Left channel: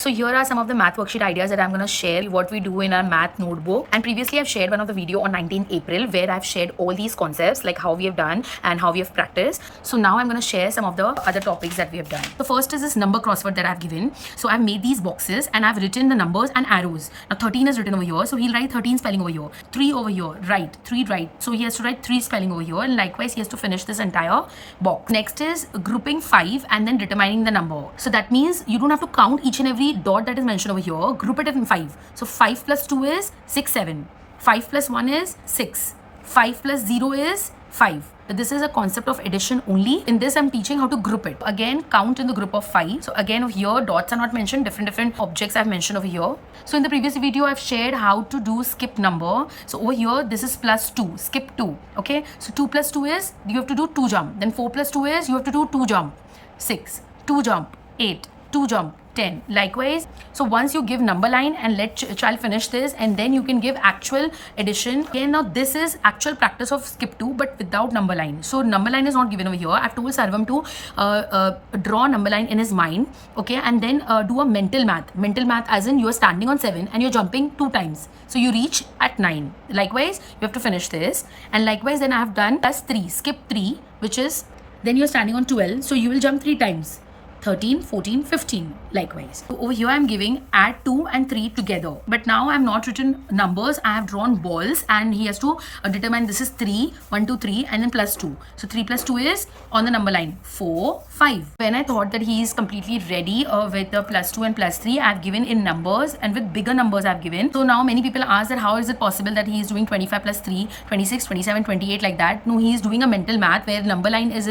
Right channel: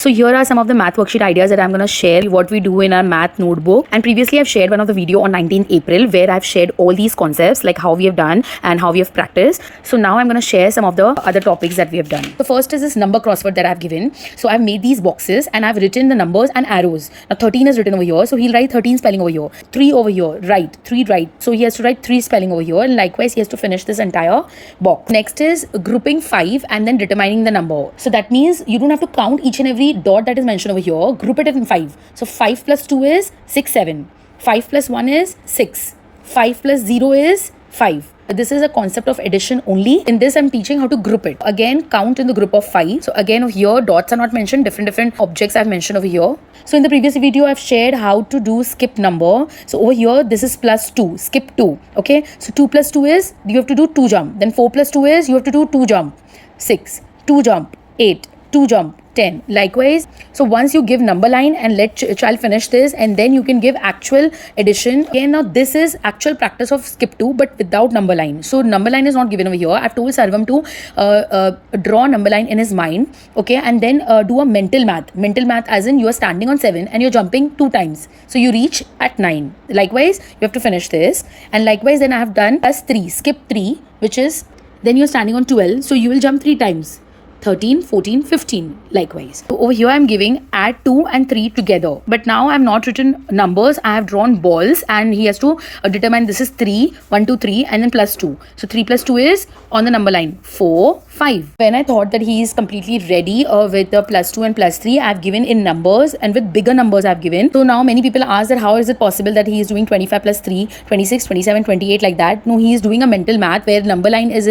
So here are some of the math worksheet ideas that I'm going to share what we do in our math notebook. And previously I've shared one of the video on 19th April where I've shared all these concepts like how we have done and how we have practiced. So now I'm going to share some of the other topics that we have done. The first is this number crossword that I've given. So I've made these boxes and I've written the numbers and arrows. Now 13 is written over here. So he'll write 13 spelling over here. 3 over here, right, 3 right. So he has to write 3 spelling over here and likewise he has to finish this entire box. Next is grouping 5 and then determining the number. So that means you don't have to count each and every dot that is mentioned over here. Group it in 5. So 5 plus 2 is 6, 7. 5 plus 1 is 6. 5 plus 0 is 5. This is a concept of addition only. In this, I'm teaching how to group it. Again, count in the group of 5. So again, over here, dots are not mentioned. Different objects I've mentioned over here. So in the previous video, I've shared how to do skip number. So over here, this is plus 2. Skip 2. Okay. So 2 plus 2 is, you have to do 2 jump. Then 4 plus 2 is, you have to do 2 jump. 6. 2 jump. 8. 2 jump. 10. Likewise, so once you give number line and let child finish this and then you can give actual addition. Again, now this is actual practice of skip 2 but without number line. So number line is not given over here. I've told Sarvam to draw number line in his mind, okay, and then do a mental math. Mental math as in you are standing on 7 and you're jumping 2 times. So you reach at 9. Likewise, you have to finish this. And likewise, then I have done plus 3, skip 3, which is then you're standing on 12. So you will jump 3 times. 13, 14, 15 likewise. So over here I'm giving add 2 and 3 together. But now I've not written numbers. I have drawn balls and he has to determine this is 3, 1, 2, 3 and then plus 2. So 3 plus 2 is on the number line 4, 5. When I thought that he is completely ready with the plus 2 and plus 3, I've given in numbers and with bigger numbers I've given. So now many people ask that how is it possible that he is doing 25 plus 3, 26, 27, 28 like that. No, he is doing a mental math where number line is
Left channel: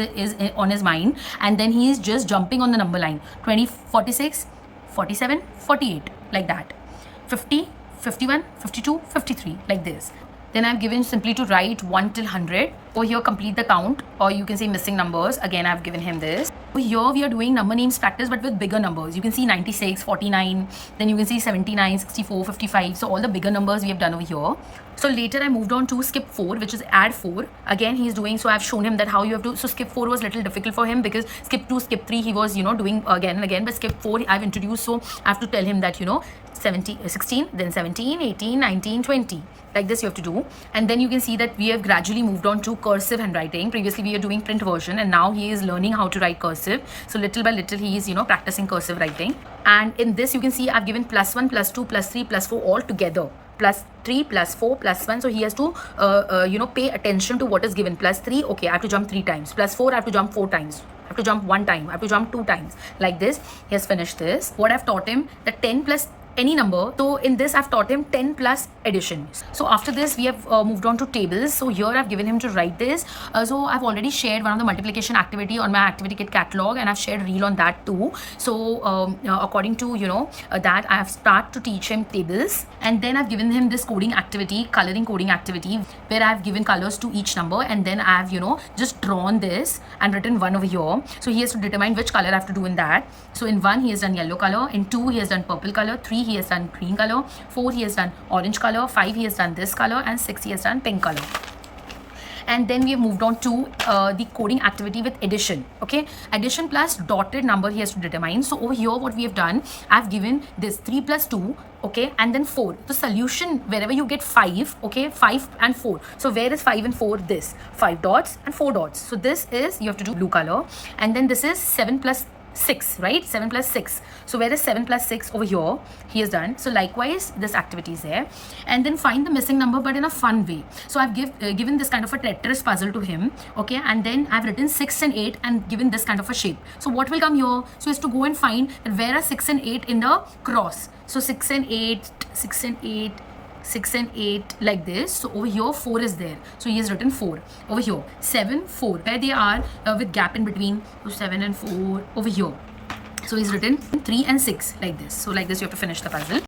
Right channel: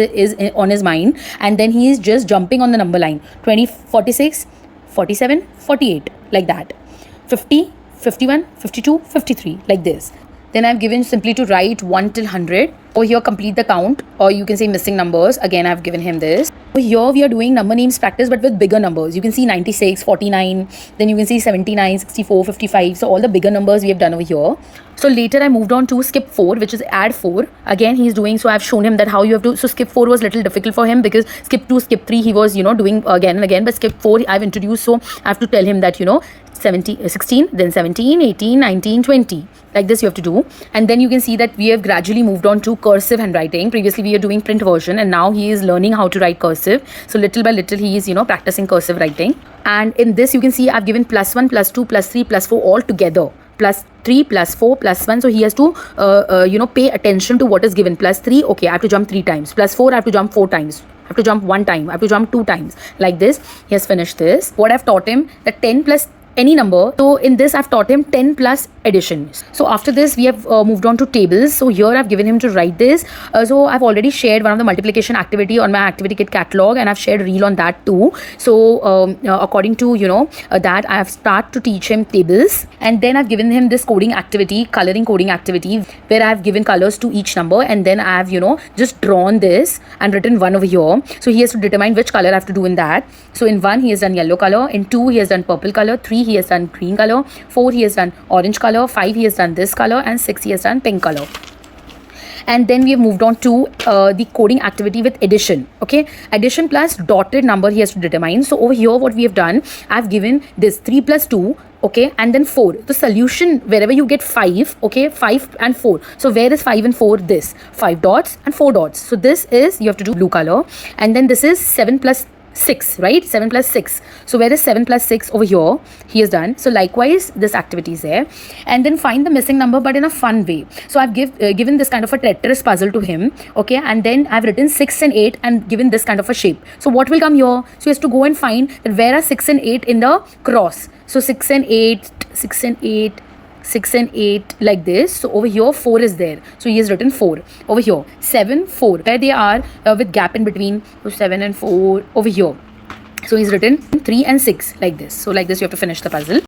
on his mind and then he is just jumping on the number line 20, 46, 47, 48 like that, 50, 51, 52, 53 like this. Then I've given simply to write 1 till 100. Over here complete the count or you can say missing numbers. Again I've given him this. Over here we are doing number names practice but with bigger numbers. You can see 96, 49, then you can see 79, 64, 55. So all the bigger numbers we have done over here. So later I moved on to skip 4 which is add 4. Again he's doing, so I've shown him that how you have to, so skip 4 was little difficult for him because skip 2, skip 3 he was doing again and again, but skip 4 I've introduced, so I have to tell him that 16, then 17, 18, 19, 20. Like this you have to do. And then you can see that we have gradually moved on to cursive handwriting. Previously we were doing print version and now he is learning how to write cursive. So little by little he is practicing cursive writing. And in this you can see I've given plus 1, plus 2, plus 3, plus 4 all together. Plus 3, plus 4, plus 1. So he has to, pay attention to what is given. Plus 3, okay, I have to jump 3 times. Plus 4, I have to jump 4 times. I have to jump 1 time. I have to jump 2 times. Like this, he has finished this. What I've taught him, that 10 plus any number. So in this I've taught him 10 plus addition. So after this we have moved on to tables. So here I've given him to write this. So I've already shared one of the multiplication activity on my activity kit catalog and I've shared reel on that too. So according to that I have started to teach him tables and then I've given him this coding activity, coloring coding activity where I have given colors to each number and then I have just drawn this and written 1 over here. So he has to determine which color I have to do in that. So in 1 he has done yellow color, in 2 he has done purple color, 3 he has done green color, 4 he has done orange color, 5 he has done this color and 6 he has done pink color. And then we have moved on to the coding activity with addition. Okay, addition plus dotted number he has to determine. So over here what we have done, I've given this 3 plus 2, okay, and then 4. The solution wherever you get 5, okay, 5 and 4. So where is 5 and 4? This 5 dots and 4 dots. So this is, you have to do blue color, and then this is 7 plus 6, right? 7 plus 6. So where is 7 plus 6? Over here he has done. So likewise this activity is there. And then find the missing number but in a fun way. So I've given this kind of a Tetris puzzle to him, okay, and then I've written 6 and 8 and given this kind of a shape. So what will come here? So he has to go and find that where are 6 and 8 in the cross. So 6 and 8, 6 and 8, 6 and 8 like this. So over here 4 is there. So he has written 4. Over here 7, 4. Where they are with gap in between. So 7 and 4 over here. So he's written 3 and 6 like this. So like this you have to finish the puzzle.